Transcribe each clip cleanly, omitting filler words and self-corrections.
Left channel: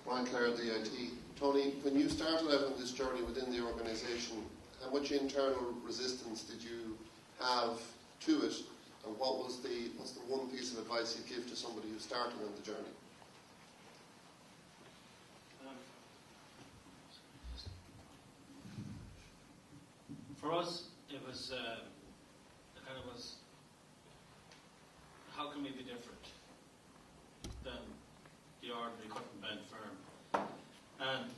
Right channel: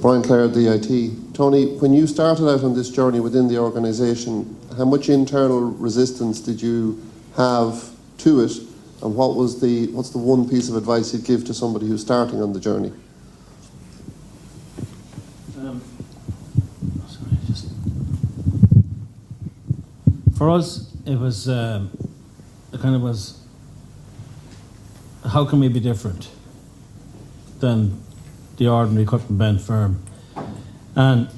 Brian Clare, DIT. Tony, when you started out on this journey within the organisation, how much internal resistance did you have to it, and what's the one piece of advice you'd give to somebody who's starting on the journey? For us, it was how can we be different than the ordinary cut and bend firm? And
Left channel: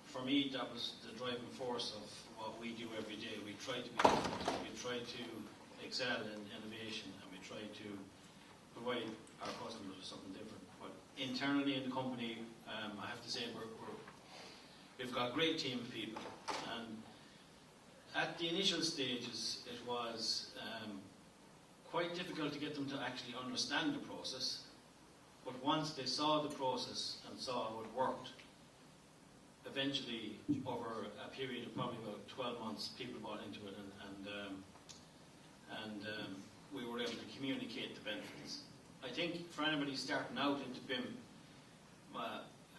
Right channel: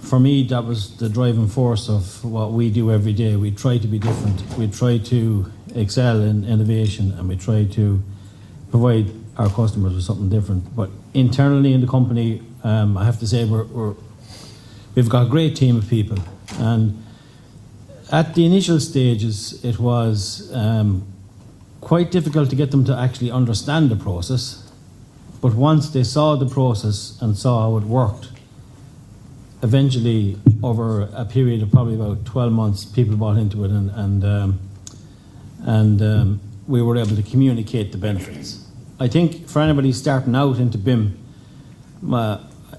for me, that was the driving force of what we do every day. We try to be different. We try to excel in innovation, and we try to provide our customers with something different. But internally in the company, I have to say we've got a great team of people. And at the initial stages, it was quite difficult to get them to actually understand the process. But once they saw the process and saw how it worked, eventually, over a period of probably about 12 months, people bought into it, and we were able to communicate the benefits. I think for anybody starting out into BIM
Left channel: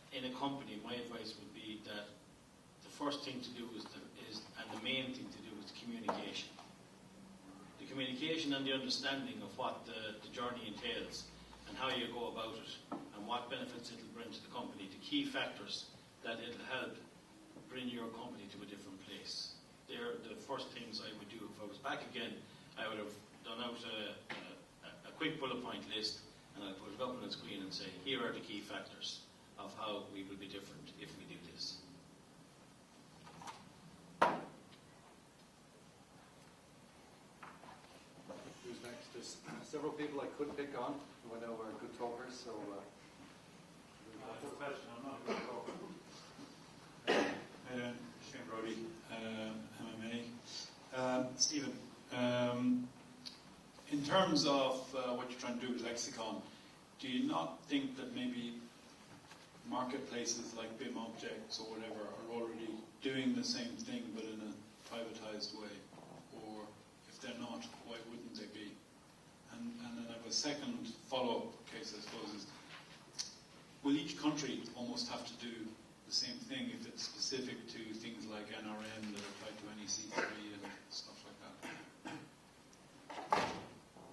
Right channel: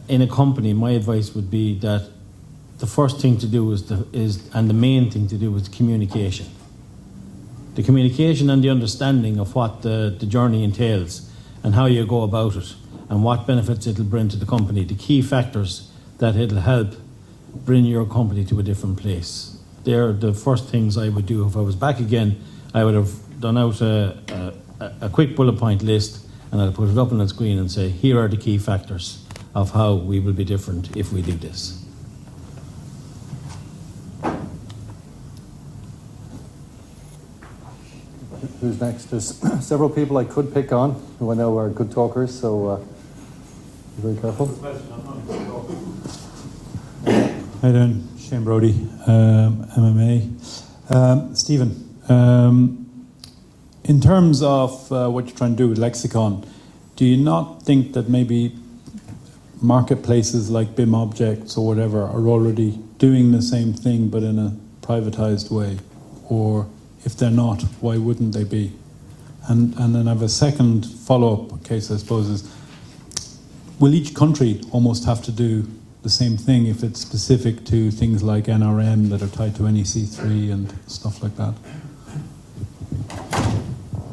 in a company, my advice would be that the first thing to do and the main thing to do is communication. The communication and the understanding of what the journey entails and how you go about it and what benefits it'll bring to the company, the key factors that it'll help bring your company to a different place. They're the first things I would do. If I was back again, I would have done out a quick bullet point list, and I'd put it up on the screen and say, here are the key factors of how we will be different if we do this. Who's next? There's several people I could pick on who I know are good talkers, so be very careful. Hi there, Shane Brody, MMA. Stephen, in terms of what you're trying to do with Lexicon, do you not think that maybe marketplaces like BIM Objects or whatever are already doing the same thing but in a privatized way? Or if they're not, why wouldn't they be? And then I have a second follow-up case, I suppose, is will each country almost have to do the same thing if it's specific to things like NRM that are tied to NEC3 and stuff like that?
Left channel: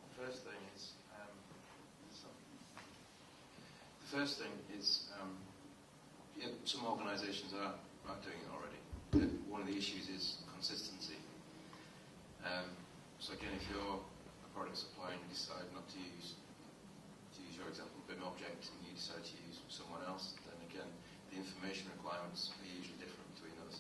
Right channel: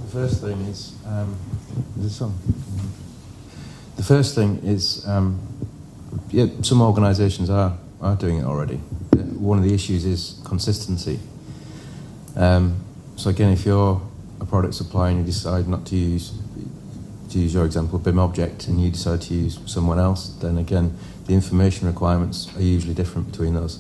The first thing is, yeah, some organisations are doing it already. One of the issues is consistency. So again, if you're a product supplier and you decide not to use your example, BIM Object, and you decide to use someone else, then again, the information requirements are usually different between those.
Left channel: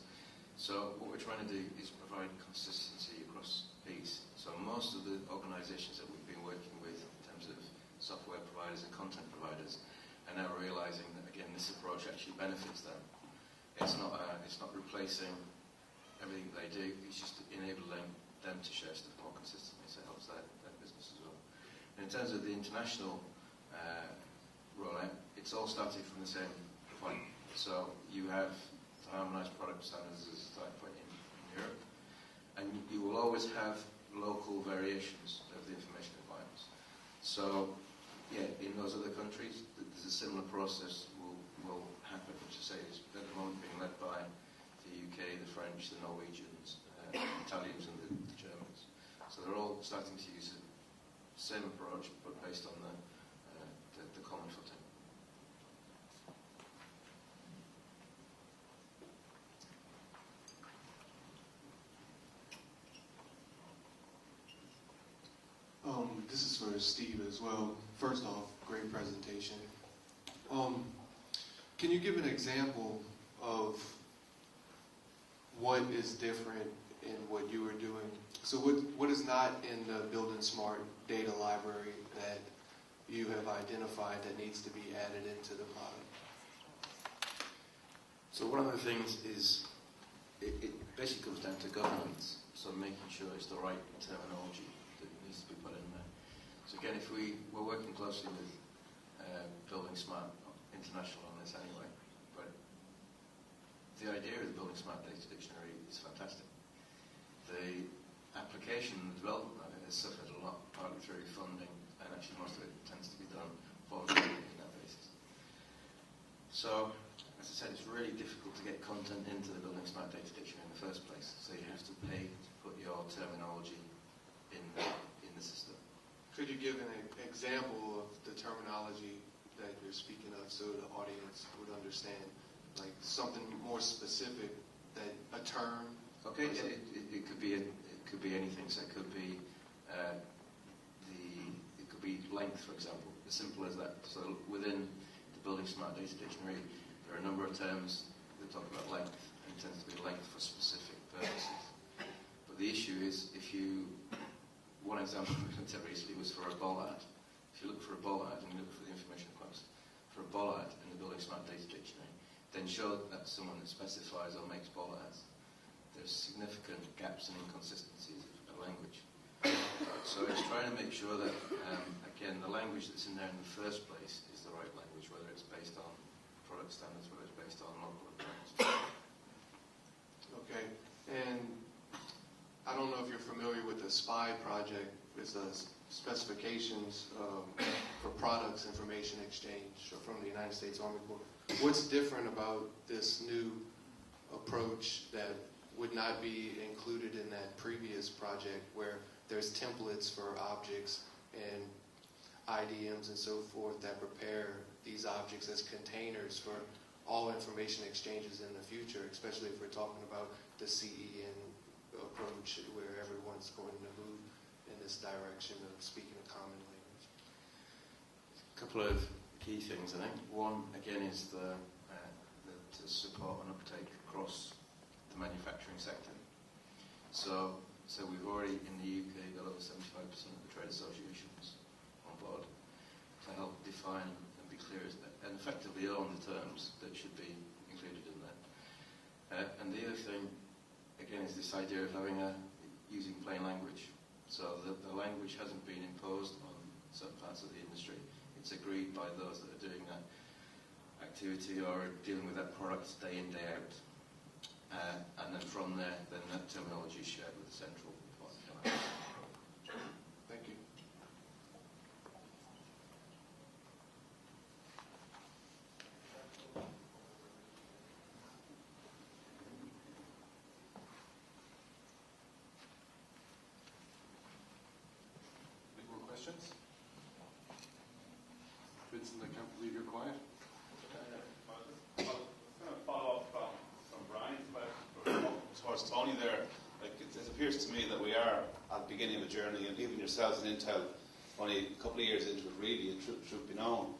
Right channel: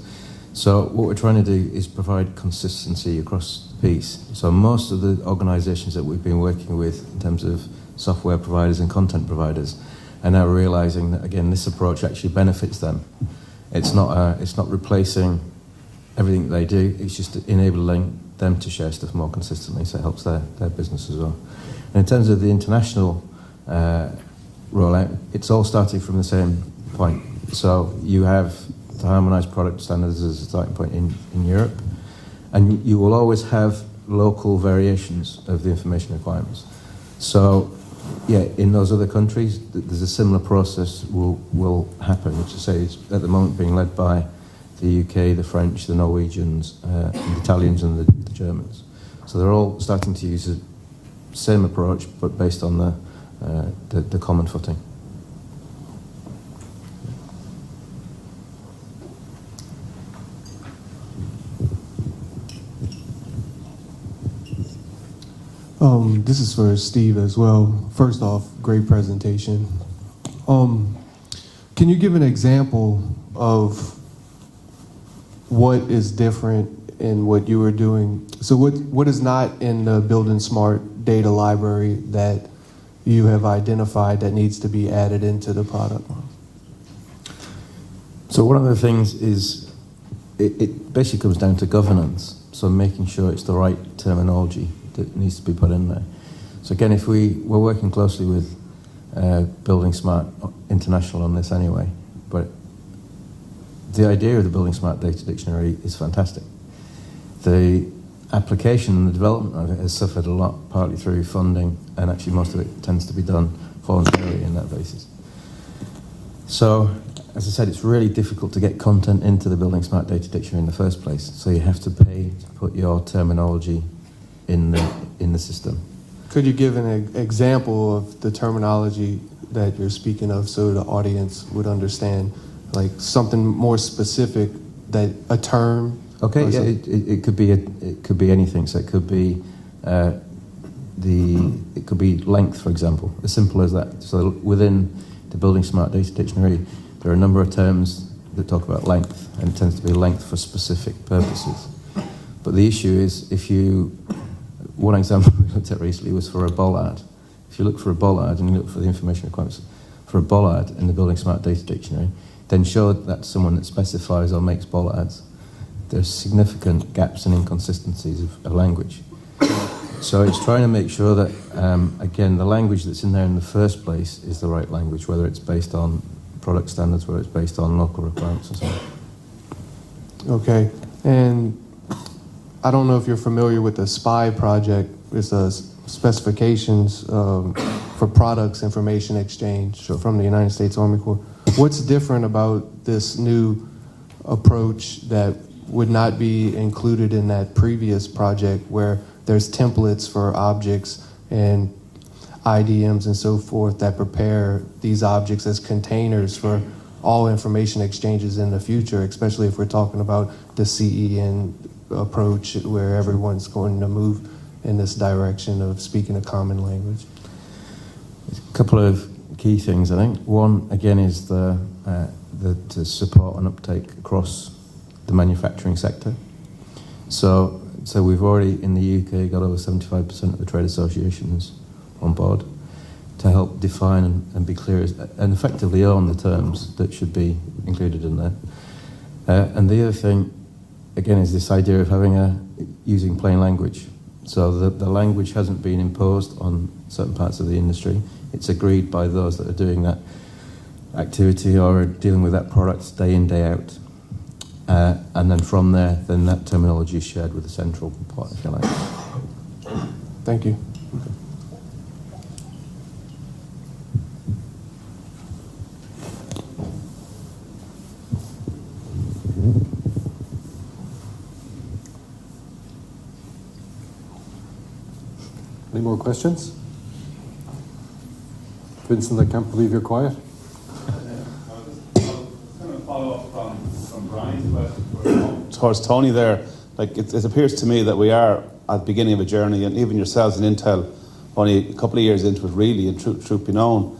So what we're trying to do is provide consistency across the piece. So most of the organisations that we've been working with in terms of software providers and content providers are now realising that, again, this approach actually benefits them. It's not replacing everything that they do, it's just enabling them to share stuff more consistently, so it helps their business as well. And in terms of the international rollout, it's all starting from the same point. So you have the harmonised product standards as a starting point in Europe, and you will always have local variations of the information requirements. So yeah, in those other countries, there's a similar process will happen, which I say is at the moment being led by the UK, the French, the Norwegians, and the Italians and the Germans. So they're all starting to use the same approach, but based on the common footing. This is for Steve as well. First off, great presentation. Can you give an example of what is different in what you were doing? So what is not in the Building Smart data library that you have identified that needs to be added into the product? So one of the things is it basically comes down to governance. So making sure it's the right terminology that needs to be put in there. So again, if we're working closely with Building Smart International on this anyway, but the idea of the Building Smart Data Dictionary is fantastic. The application and the development of it has suffered a lot, partly through funding, and actually most of it tends to be done voluntarily in that basis. So, as I said, it's really difficult to get content into the Building Smart Data Dictionary in the first place. So you have to pay to put your terminology in the system. Could you give an example of the terminology that you're speaking of so the audience would understand, like something more specific, that a term? Okay, yeah, it could be anything. So it could be it could be length, for example, as simple as that. So within the Building Smart Data Dictionary, there are a number of terms that talk about length, and it tends to be length for specific purposes. But the issue is, one example I looked at recently was for a bollard. If you look for a bollard and you look for the information requirements for a bollard in the Building Smart Data Dictionary, then show that someone that specifies or makes bollards. There's significant gaps and inconsistencies of language. So it's trying to make sure that, again, the language that's in there in the first place is the right language, whether it's based on product standards, whether it's based on local requirements or something. Okay, and I don't know if you're familiar with the SPY project. It's specifications for products information exchange from the United States Army Corps. What's different about this new approach that would not be included in that previous project where there's templates for objects and IDMs and so forth that prepare these objects as containers for all information exchanges in the future, especially if we're talking about the CEN approach where everyone's going to move in this direction of speaking a common language? A couple of key things, I think. One, again, is to support and uptake across the manufacturing sector. So we've already, in the UK, got over 75% of the trade associations on board to help define and be clear and effectively own the terms that should be included in there. And the other thing, again, is this idea of using plain language. So the language hasn't been imposed on certain parts of the industry. It's agreed by those that are doing that activity or are dealing with that product day in, day out. And then from there, then that terminology is shared with the central part, if you like. Thank you. Any more questions? Vincent, I can't believe you're quiet. Follow up from Brian's question towards Tony there. Like it appears to me that we are at the beginning of a journey, and even yourselves in Intel, only a couple of years into it, really, and truth be known.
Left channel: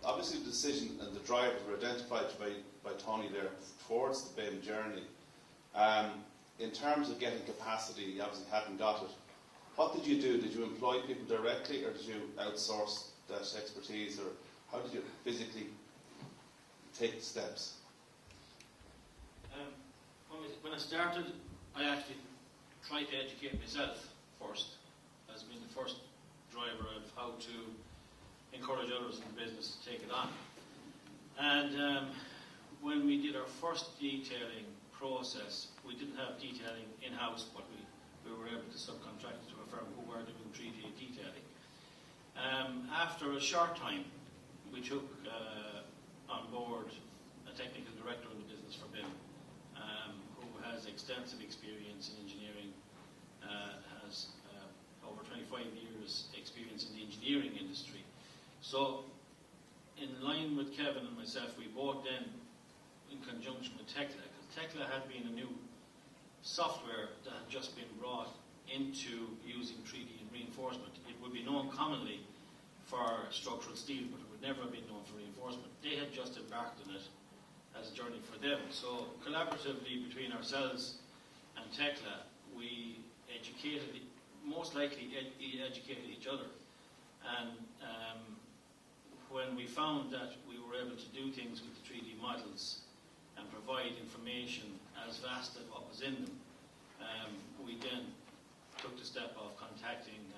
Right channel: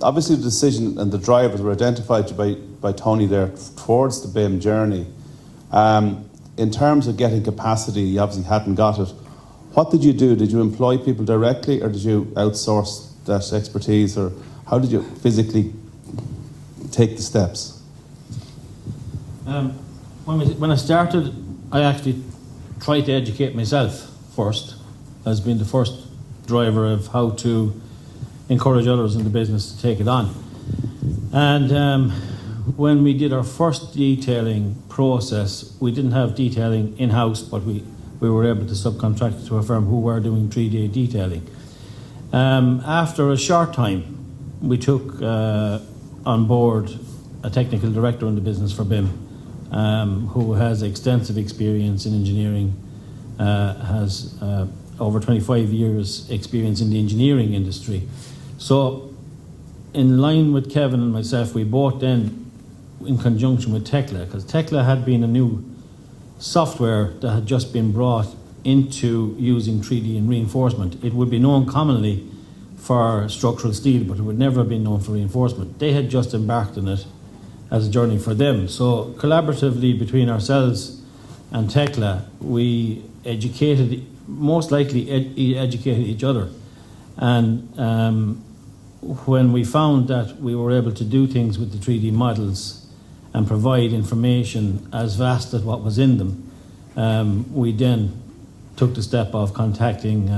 Obviously, the decision and the drivers were identified by Tony there towards the BIM journey. In terms of getting capacity, you obviously hadn't got it. What did you do? Did you employ people directly, or did you outsource that expertise, or how did you physically take the steps? When I started, I actually tried to educate myself first, as being the first driver of how to encourage others in the business to take it on. And when we did our first detailing process, we didn't have detailing in-house, but we were able to subcontract to a firm who were doing 3D detailing. After a short time, we took on board a technical director in the business for BIM, who has extensive experience in engineering, has over 25 years experience in the engineering industry. So in line with Kevin and myself, we both then, in conjunction with Tekla, because Tekla had been a new software that had just been brought into using 3D and reinforcement. It would be known commonly for structural steel, but it would never have been known for reinforcement. They had just embarked on it as a journey for them. So collaboratively between ourselves and Tekla, we educated, most likely educated each other. And when we found that we were able to do things with the 3D models and provide information as vast as what was in them, we then took the step of contacting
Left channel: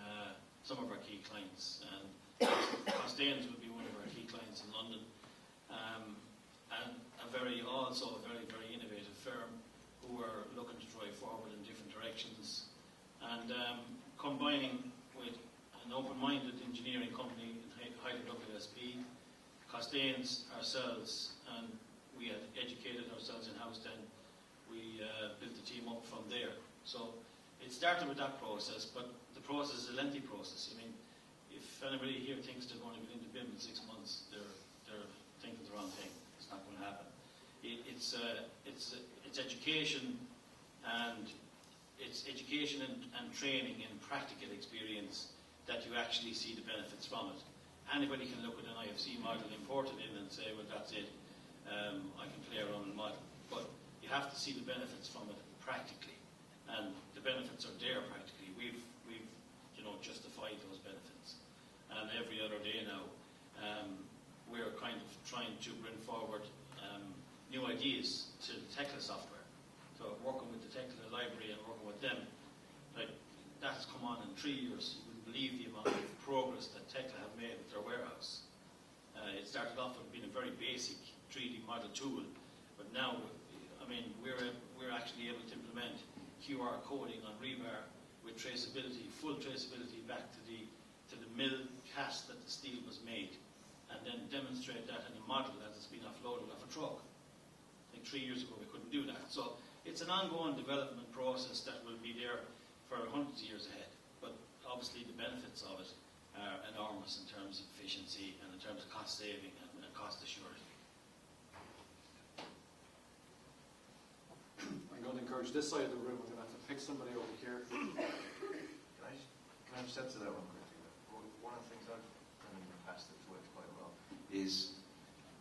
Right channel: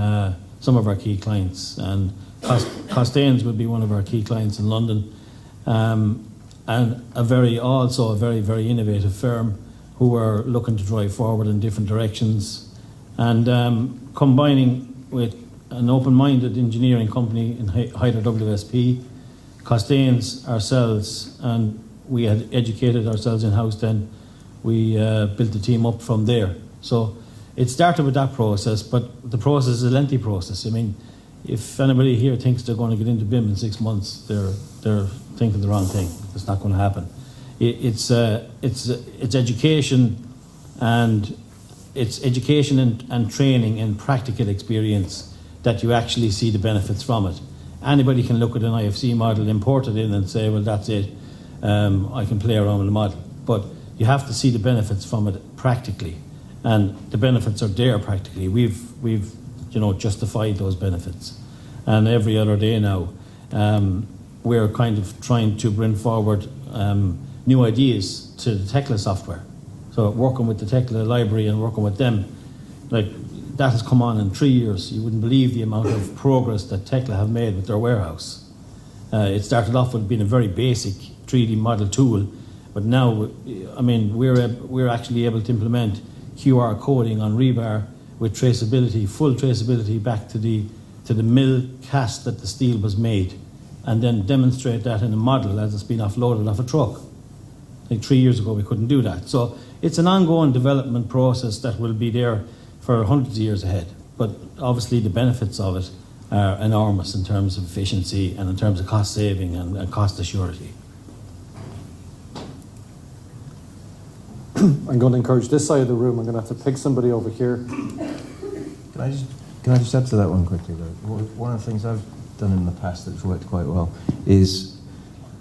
some of our key clients. And Costains would be one of our key clients in London, and a very, very innovative firm who were looking to drive forward in different directions, and combining with an open-minded engineering company in Hyder WSP, Costains, ourselves, and we had educated ourselves in-house then. We built the team up from there. So it started with that process, but the process is a lengthy process. I mean, if anybody here thinks they're going to get into BIM in 6 months, they're thinking the wrong thing. It's not going to happen. It's education, and it's education and training and practical experience that you actually see the benefits from it. Anybody can look at an IFC model, import it in, and say, well, that's it. I can play around with the model, but you have to see the benefits from it practically, and the benefits are there practically. We've justified those benefits, and every other day now, we're kind of trying to bring forward new ideas to the Tekla software. So working with the Tekla library and working with them, like that has come on in 3 years. You wouldn't believe the amount of progress that Tekla have made with their warehouse. It started off with being a very basic 3D model tool, but now, I mean, we're actually able to implement QR coding on rebar with traceability, full traceability back to the mill cast that the steel was made, and then demonstrate that in a model as it's been offloaded off a truck. Like 3 years ago, we couldn't do that. So it's an ongoing development process that will be there for hundreds of years ahead. But obviously, the benefits of it are enormous in terms of efficiency and in terms of cost saving and cost assurity. I'm going to encourage this side of the room. I'm going to have to pick somebody over here. Can I just add to that one quickly, though? One of the things I've done in the past that's worked quite well is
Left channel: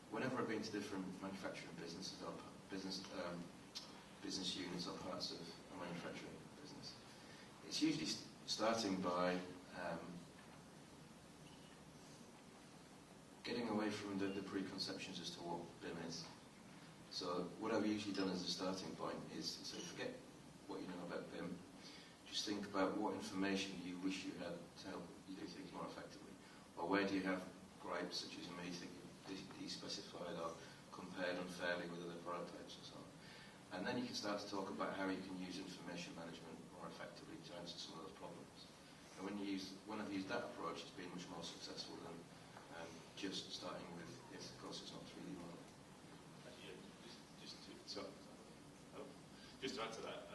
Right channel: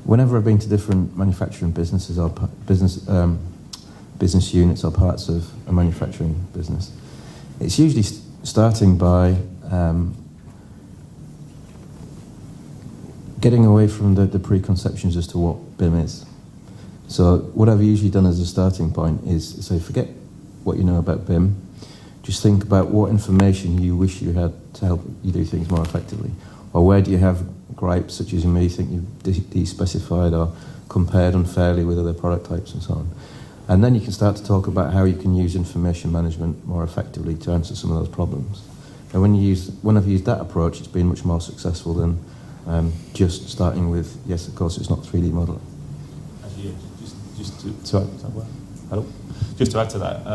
whenever I've been to different manufacturing businesses or business units or parts of a manufacturing business, it's usually starting by getting away from the preconceptions as to what BIM is. So what I've usually done as a starting point is, so forget what you know about BIM, just think about what information you wish you had to help you do things more effectively. Or where do you have gripes, such as you may think you've de-specified or compared unfairly with other product types and so on. And then you can start to talk about how you can use information management more effectively to answer some of those problems. And when I've used that approach, it's been much more successful than just starting with, yes, of course, it's not 3D modelling. Actually, just to add to that,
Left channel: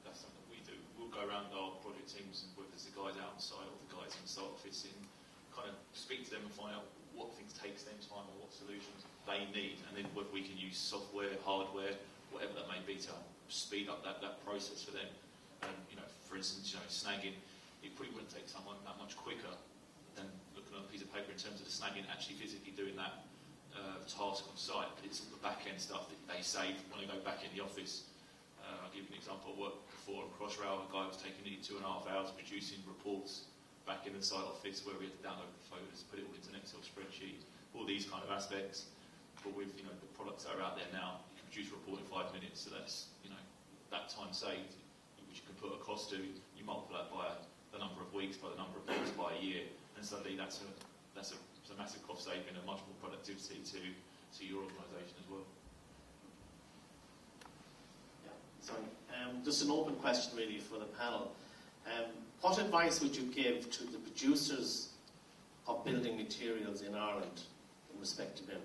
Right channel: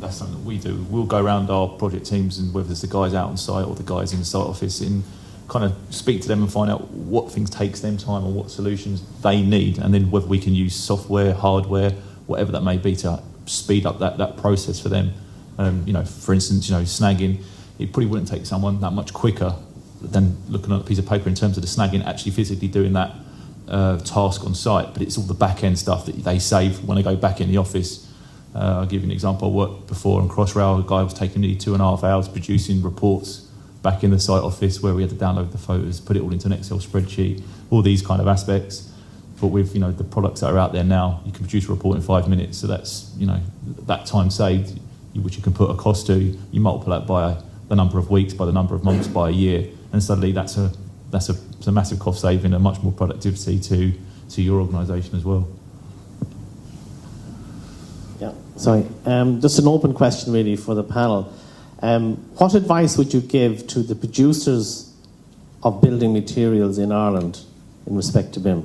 that's something that we do. We'll go around our project teams, and whether it's the guys out on site or the guys in the site office, and kind of speak to them and find out what things takes them time or what solutions they need, and then whether we can use software, hardware, whatever that may be, to speed up that process for them. For instance, snagging, it probably wouldn't take someone that much quicker than looking at a piece of paper in terms of the snagging, actually physically doing that task on site, but it's all the back end stuff that they save when they go back in the office. I'll give you an example. I worked before on Crossrail. A guy was taking nearly 2.5 hours producing reports back in the site office, where we had to download the photos, put it all into an Excel spreadsheet, all these kind of aspects. But with the products that are out there now, you can produce a report in 5 minutes. So that's that time saved, which you can put a cost to. You multiply that by the number of weeks, by the number of months, by a year, and suddenly that's a massive cost saving and much more productivity to your organisation as well. Yeah, sorry. Just an open question really for the panel. What advice would you give to the producers of building materials in Ireland in respect to BIM?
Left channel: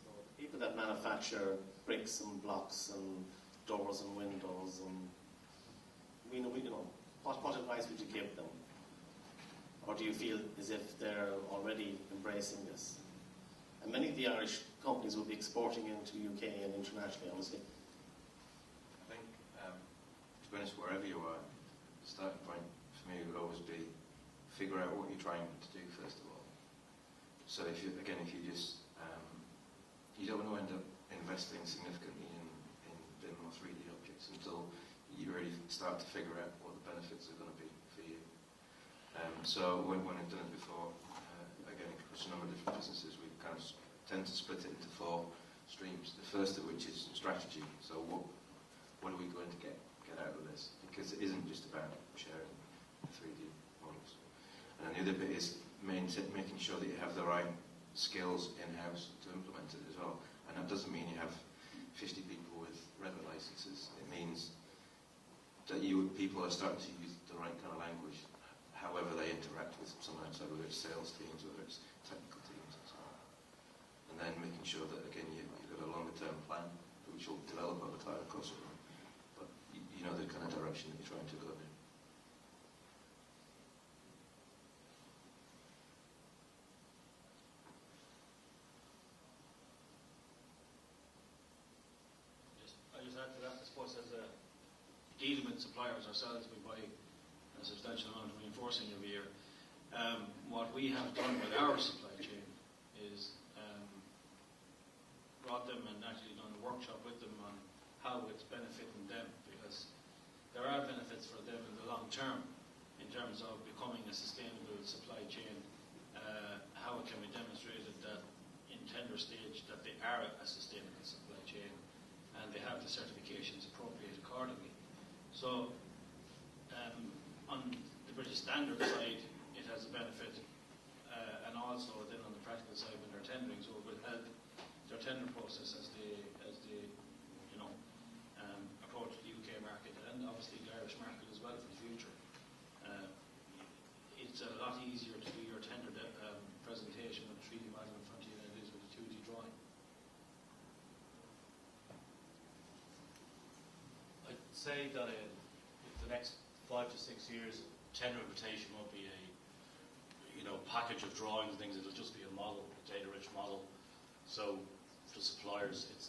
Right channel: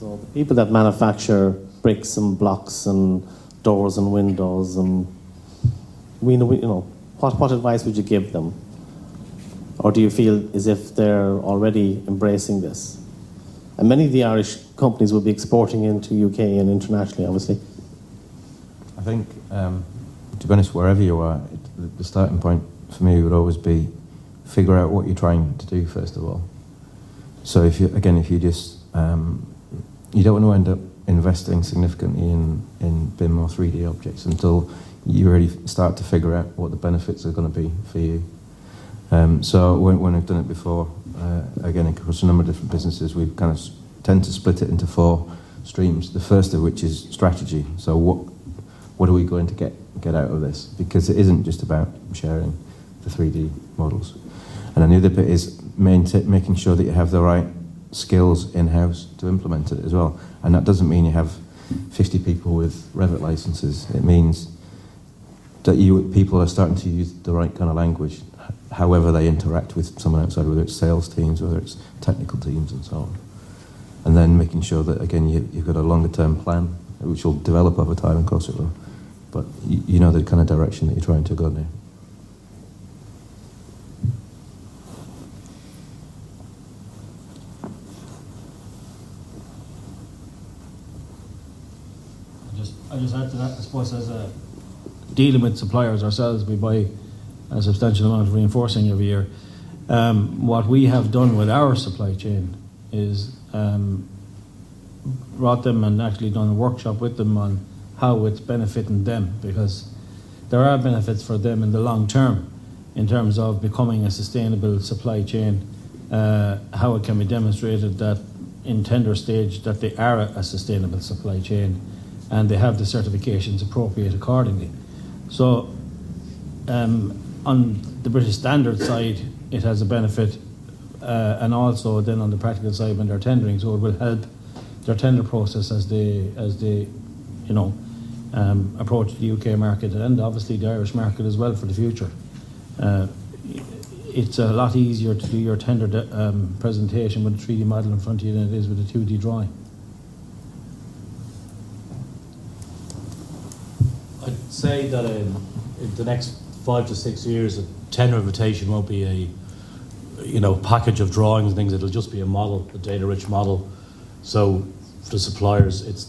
So the people that manufacture bricks and blocks and doors and windows, and what advice would you give them? Or do you feel as if they're already embracing this? And many of the Irish companies will be exporting into UK and internationally, obviously. I think, to be honest, wherever you are, the starting point for me would always be figure out what you're trying to do first of all. So if you just, you don't want to end up investing significantly in BIM or 3D objects until you really start to figure out what the benefits are going to be for you. So when I've done it before, again, across a number of different businesses, we kind of tend to split it into 4 streams. The first of which is strategy. So what are we going to get out of this? Because it isn't just about sharing the 3D models. And then the other bit is making sure that you have the right skills in-house to implement it as well. And that doesn't mean you have 50 people with Revit licenses. It means that people are starting to use the right kind of language. however they interact with someone outside, whether it's sales teams, whether it's technical teams, and so on. And then making sure that, again, you've got a longer-term plan, which will develop over time, of course it will. But you know the kind of direction that you're trying to go now. I just add to that, I suppose, as a dealing with suppliers ourselves, we buy a substantial amount of reinforcing every year. What we have done with our supply chain is brought them and actually done a workshop with them on how it's benefiting them, because there are benefits for them in the long term in terms of becoming a sustainable supply chain, how it can be demonstrated that in tender stage that they are a sustainable supply chain and they have the certifications appropriate accordingly. So on the British Standard side, it has a benefit, and also then on the practical side when they're tendering, so it will help their tender process as they approach the UK market and obviously the Irish market as well for the future. It's a lot easier to do your tender presentation with a 3D model in front of you than it is with a 2D drawing. I'd say that in the next 5 to 6 years, a tender invitation won't be a package of drawings and things. It'll just be a model, a data-rich model. So for the suppliers,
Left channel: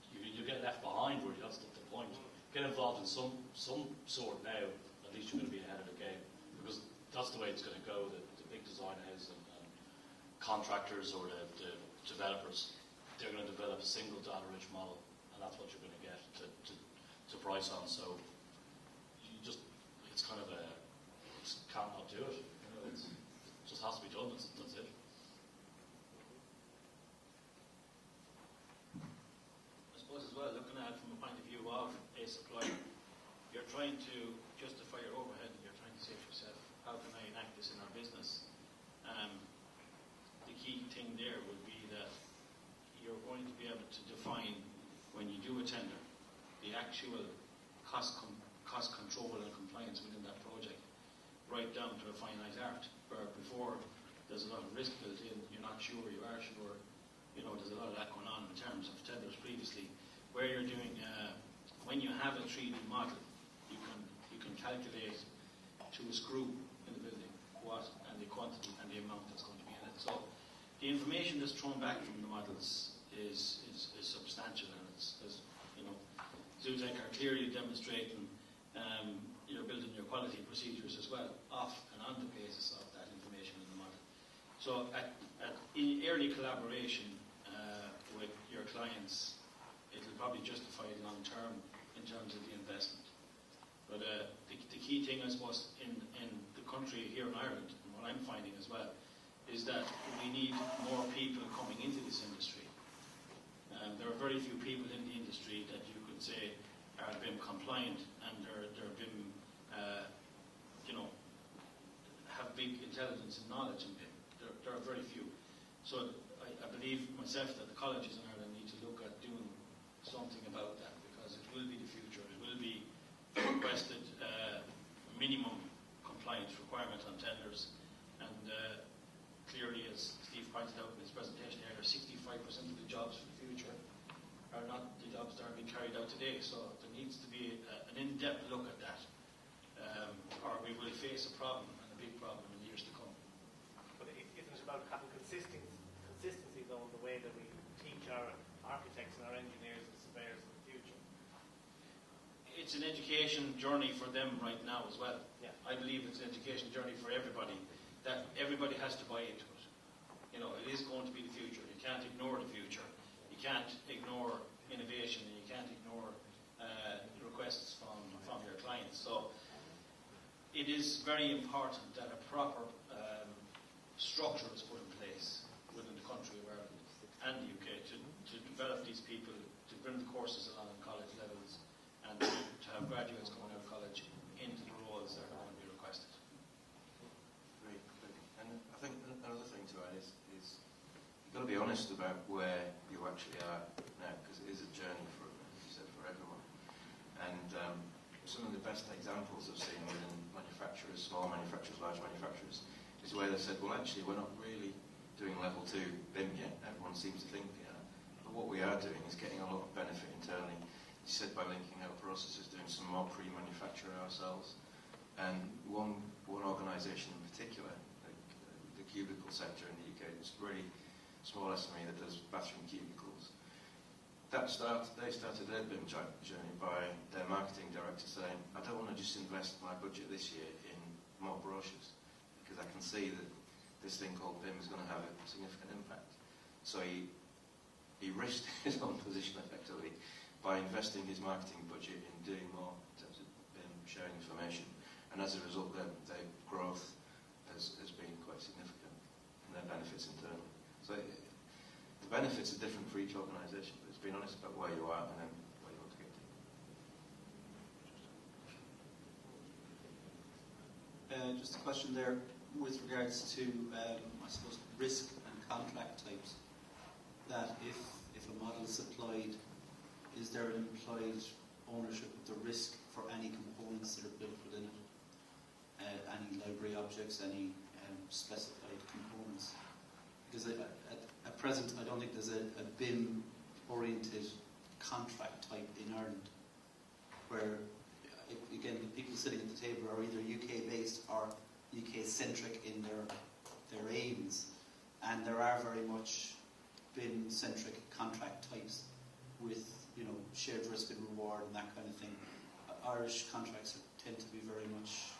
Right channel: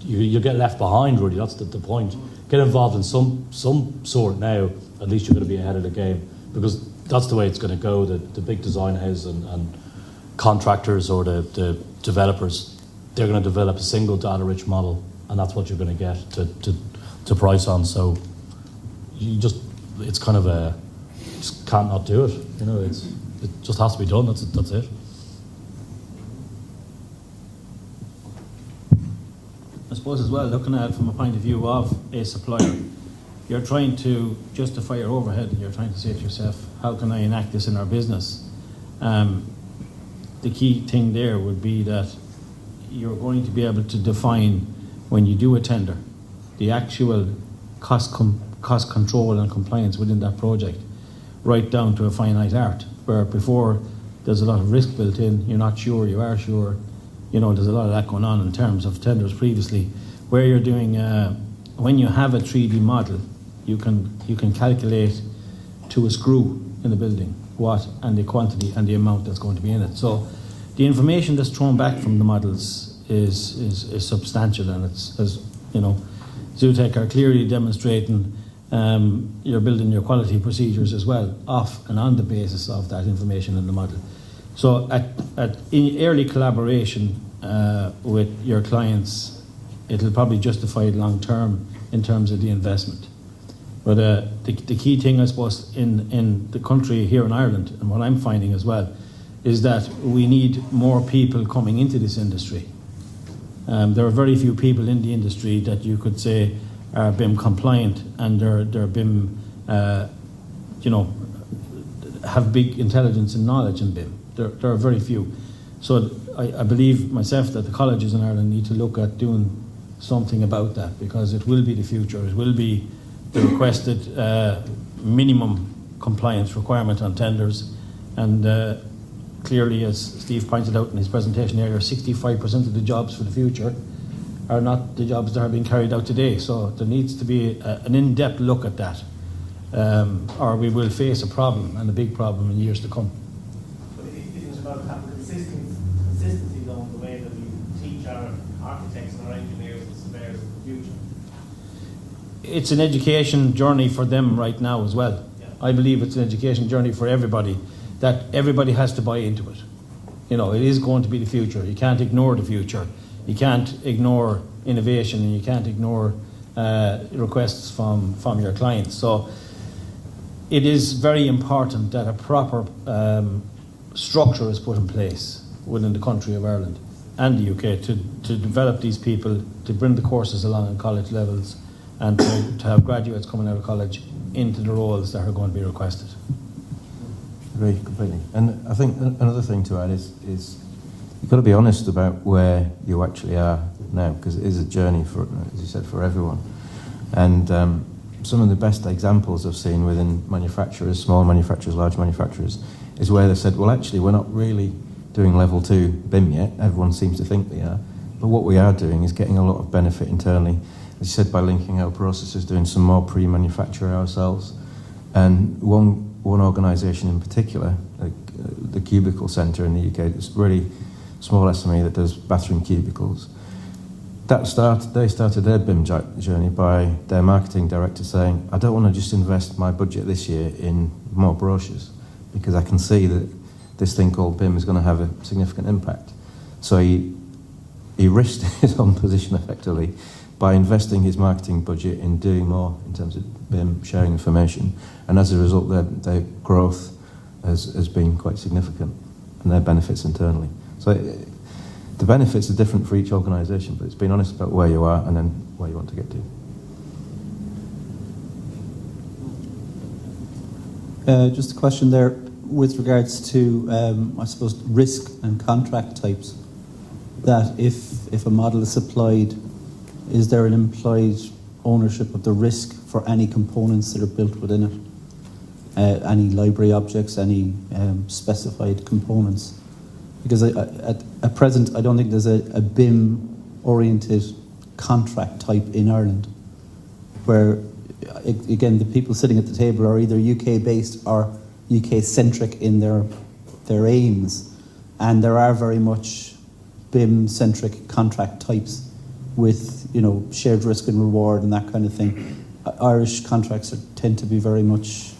you get left behind. Really, that's the point. Get involved in some sort now. At least you're going to be ahead of the game, because that's the way it's going to go. The big design houses and contractors or the developers, they're going to develop a single data-rich model, and that's what you're going to get to price on. So it's kind of just can't not do it. It just has to be done. That's it. I suppose as well, looking at it from a point of view of a supplier, you're trying to justify your overhead. You're trying to say to yourself, how can I enact this in our business? The key thing there would be that you're going to be able to define, when you do a tender, the actual cost control and compliance within that project, right down to a finite art, where before there's a lot of risk built in, you're not sure, you are sure, there's a lot of that going on in terms of tenders previously, where you're doing, when you have a 3D model, you can calculate to a screw in the building what and the quantity and the amount that's going to be in it. So the information that's thrown back from the models is substantial, and it's, as Zutec are clearly demonstrating, you're building your quality procedures as well off and on the basis of that information in the model. So in early collaboration with your clients, it'll probably justify it long term in terms of the investment. But the key thing, I suppose, in the country here in Ireland, and what I'm finding as well, is that we need more people coming into this industry. There are very few people in the industry that you could say are BIM compliant and they're BIM, have big intelligence and knowledge in BIM. There are very few. So I believe myself that the colleges in Ireland need to look at doing something about that, because it will be the future. It will be the requested minimum compliance requirement on tenders. And clearly, as Steve pointed out in his presentation earlier, 65% of the jobs for the future are not the jobs that are being carried out today. So there needs to be an in-depth look at that, or we will face a problem, and a big problem, in years to come. But it's about having consistency though in the way that we teach our architects and our engineers and surveyors in the future. It's an education journey for them right now as well. Yeah. I believe it's an education journey for everybody, that everybody has to buy into it. It is going to be the future. You can't ignore the future. You can't ignore innovation, and you can't ignore requests from your clients. So it is very important that a proper structure is put in place within the country of Ireland and the UK to develop these people, to bring the courses along in college levels, and to have graduates coming out of college into the roles that are going to be requested. Agree completely. And I think another thing to add is you've got to be honest about where you actually are now, because it is a journey for, as you said, for everyone. And some of the best examples I've seen within manufacturers, small manufacturers, large manufacturers, is where they've said, well, actually, we're not really doing level 2 BIM yet. Everyone seems to think they are. But what we are doing is getting a lot of benefit internally, as you said, by linking our processes, doing some more pre-manufacture ourselves. And one organisation in particular, the Cubicle Centre in the UK, it's really small SME that does bathroom cubicles. They started their BIM journey by their marketing director saying, I don't want to just invest my budget this year in more brochures, because I can see that this thing called BIM is going to have a significant impact. So he risked his own position effectively by investing his marketing budget in doing more in terms of BIM, sharing information. And as a result, their growth has been quite significant, and their benefits internally. So the benefits are different for each organisation, but it's being honest about where you are and then where you want to get to. Just a question there with regards to, I suppose, risk and contract types. That if a model is supplied, is there an implied ownership of the risk for any components that are built within it? Any library objects, any specified components? Because at present, I don't think there's a BIM-oriented contract type in Ireland, where, again, the people sitting at the table are either UK-based or UK-centric in their aims, and there are very much BIM-centric contract types with, shared risk and reward and that kind of thing. Irish contracts tend to be very much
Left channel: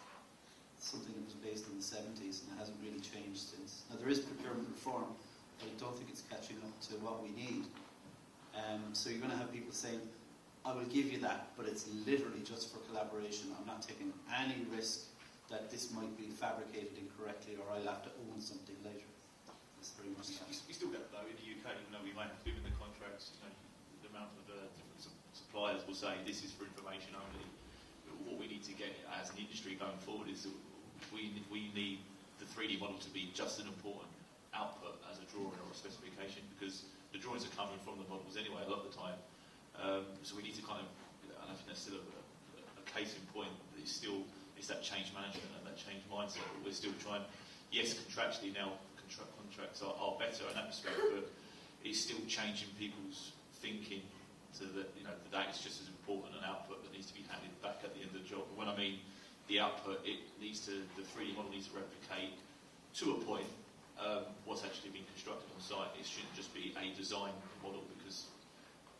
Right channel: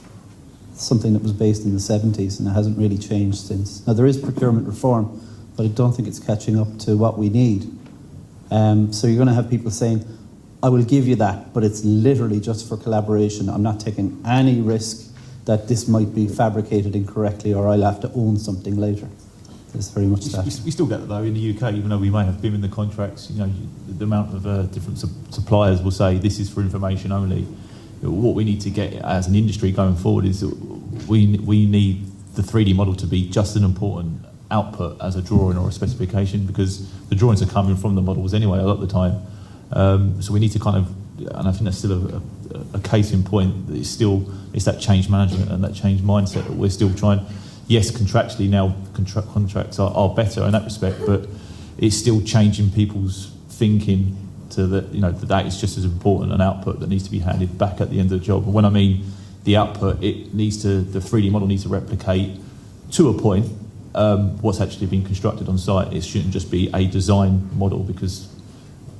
something that was based in the 70s, and it hasn't really changed since. Now, there is procurement reform, but I don't think it's catching up to what we need. So you're going to have people saying, I will give you that, but it's literally just for collaboration. I'm not taking any risk that this might be fabricated incorrectly, or I'll have to own something later. There's very much that. We still get that, though, in the UK, even though we may have BIM in the contracts. The amount of different suppliers will say this is for information only. What we need to get as an industry going forward is we need the 3D model to be just an important output as a drawing or a specification, because the drawings are coming from the models anyway a lot of the time. So we need to kind of, and I think that's still a case in point, that it's that change management and that change mindset that we're still trying. Yes, contractually now contracts are better in that respect, but it's still changing people's thinking to that is just as important an output that needs to be handed back at the end of the job. And when I mean the output, the 3D model needs to replicate to a point what's actually been constructed on site. It shouldn't just be a design model, because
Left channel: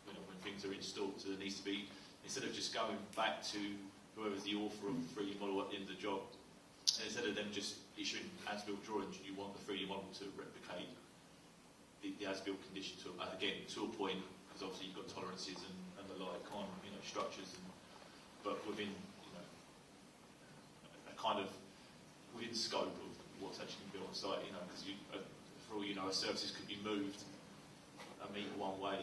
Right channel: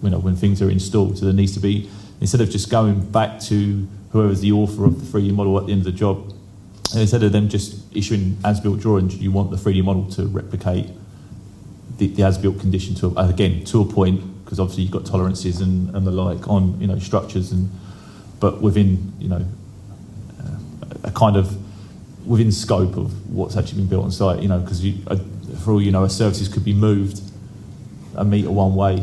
when things are installed, so there needs to be, instead of just going back to whoever's the author of the 3D model at the end of the job, instead of them just issuing as-built drawings, you want the 3D model to replicate the as-built condition to a point, because obviously you've got tolerances and the like on structures, but within a kind of within scope of what's actually been built on site, because for all you know, a services could be moved a metre one way,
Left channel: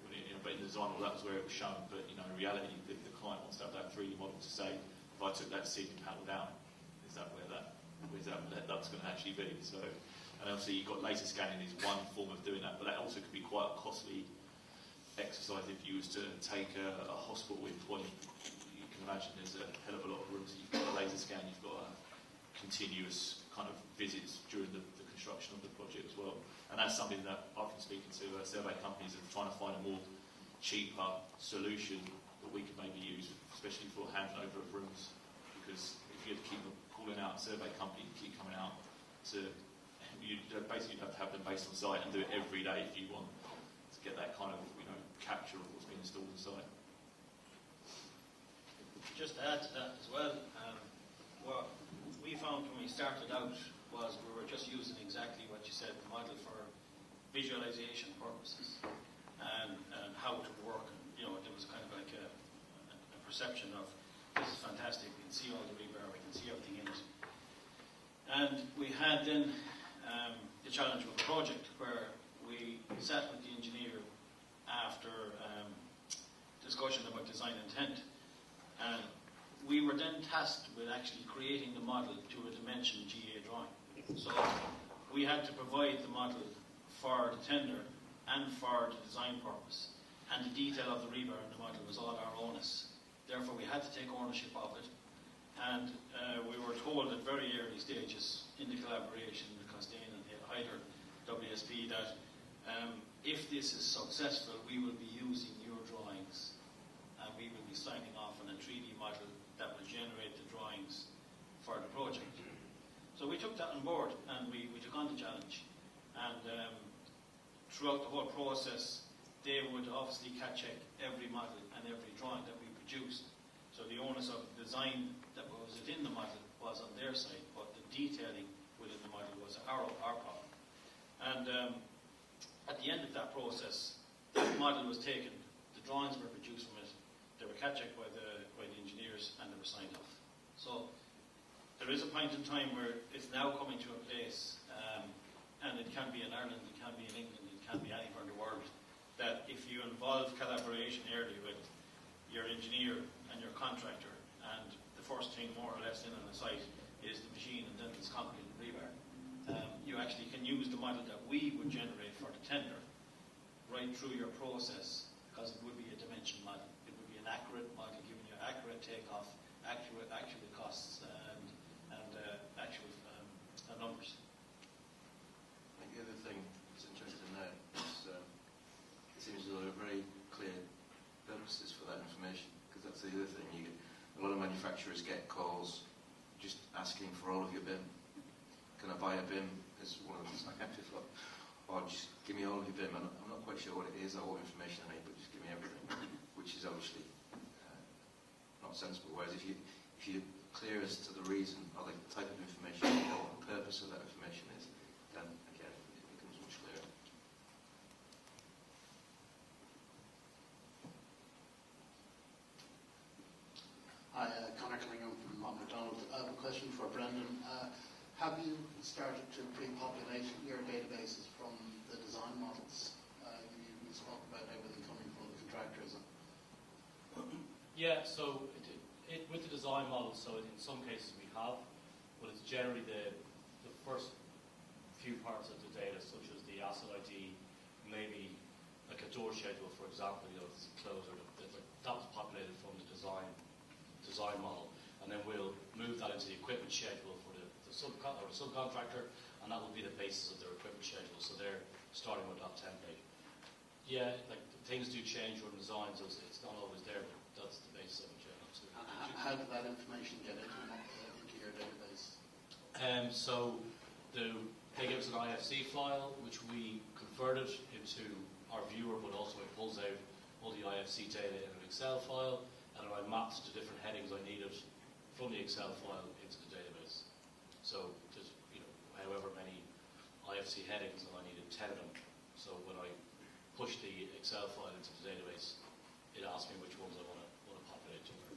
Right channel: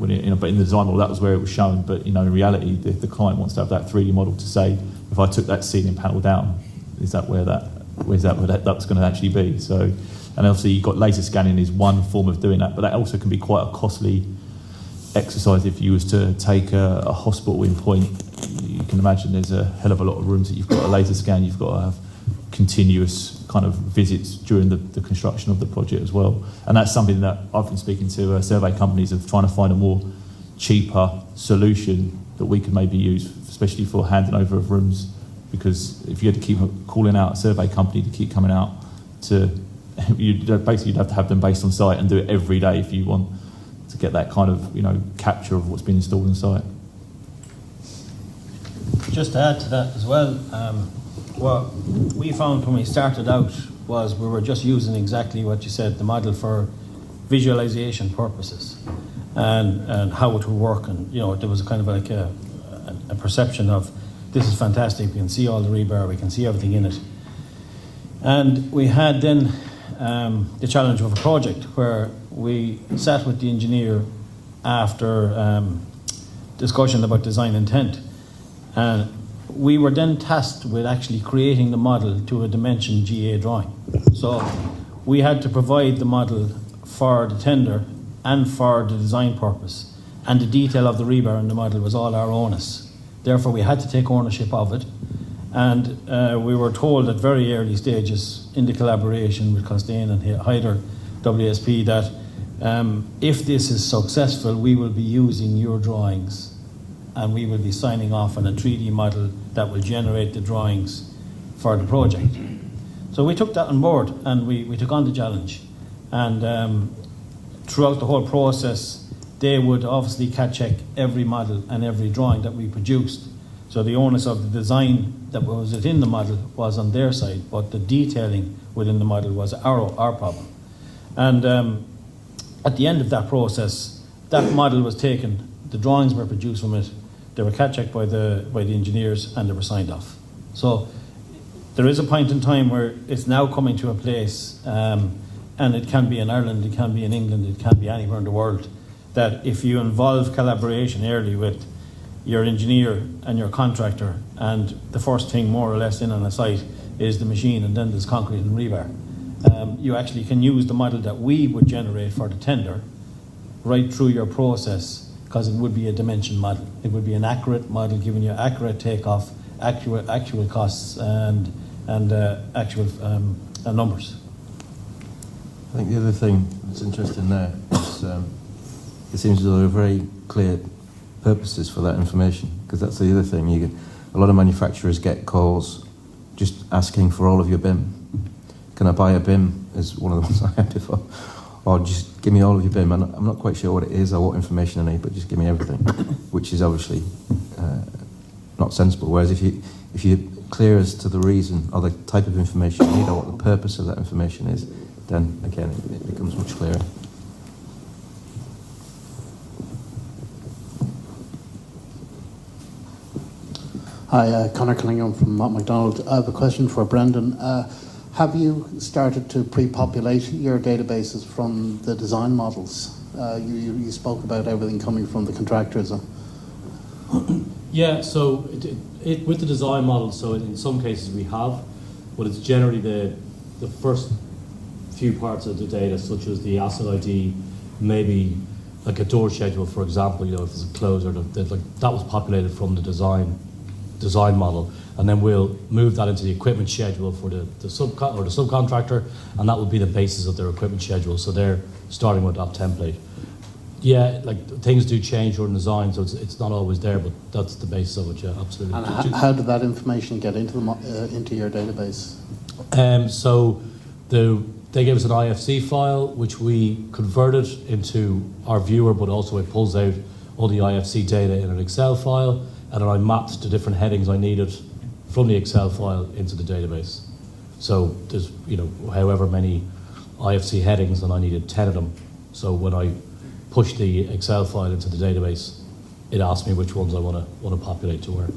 but in the design model that was where it was shown. But in reality, the client wants to have that 3D model to say, if I took that ceiling panel down, is that where that's going to actually be? So, and obviously you've got laser scanning is one form of doing that, but that also can be quite a costly exercise. If you was to take a hospital in point, you can imagine there's a hell of a lot of rooms that you've got a laser scan, you've got to have continuous kind of visits during the construction of the project as well. And that's something that I've been speaking to survey companies of, trying to find a more cheaper solution that we could maybe use, especially for handing over of rooms, because if you had to keep calling out a survey company to keep coming out you'd have to have them based on site and do it every day if you want to get that kind of capture of what's been installed on site. Just to add to that as well, what we found when we started out was we were just using exactly what you said, the model for visualization purposes and how it would work, and there was kind of like a perception of, this is fantastic, we can see all the rebar, we can see everything in it. And we had then the challenge of a project where we sat with the engineer after discussion about design intent, and we were then tasked with actually creating the model to a dimension GA drawing. So we had to provide the model for the tender and for the design purpose, and the detail of the rebar in the model was all our onus. Therefore, we had to take ownership of it. And we were told at very early stages in the collaboration with Costain and Hyder WSP that if this is successful, we will be using your drawings and we will be signing off on a 3D model that will generate the drawings for the project. So we took that on board and we took on the challenge. And throughout the whole process, they would obviously check every model and every drawing that we produced. So the onus of the design that was within the model was on their side, but the detailing within the model was our problem. And at the end of that process, that model was taken, the drawings were produced from it, they were checked by the engineers, and they were signed off. So there is a point in time where it's now coming to a place, and it can be in Ireland, it can be in England, it can be anywhere in the world, that if you involve collaboration early with your engineer and your contractor, and the first thing more or less in on a site is the machine, and then there's concrete and rebar, you actually can use the model that we would generate for the tender right through your process, because it would be a dimension model. It would be an accurate model giving you accurate takeoff, actual costs and actual numbers. I think the other thing that's interesting there is it seems there are very clear purposes for that information, because that's the other thing. You get, a lot of manufacturers get calls just asking for all of your BIM. Can I buy a BIM? Is one of the ones I had before. Or just give me all of your BIM. I'm not quite sure what it is or what information I need, but just give me everything, which is obviously not sensible. Whereas if you're clear as to the reason or the type of information you need or what the purpose of that information is, then again it becomes much clearer. Hi, Conor Cunningham from Mott MacDonald. I have a question for Brendan. Have you started to pre-populate your databases from the design models? You spoke about everything coming from the contractors. Yeah, so with the design model, so in some cases we have, but it's generally the first few parts of the data, such as the asset ID, maybe like a door schedule, for example, if it's a closer, that was populated from the design model, and then we'll move that into the equipment schedule for the subcontractor, and that will be the basis of their equipment schedule. So they're starting with that template. Yeah, things do change during design, so it's not always there, but that's the basis of it. Yeah, absolutely. And how did that information get into your database? So they gave us an IFC file, which we converted into our viewer, but also it pulls out all the IFC data in an Excel file, and then I mapped the different headings I needed from the Excel file into the database. So there's however many IFC headings, and I needed 10 of them. So when I pushed the Excel file into the database, it asked me which ones I want to populate to where.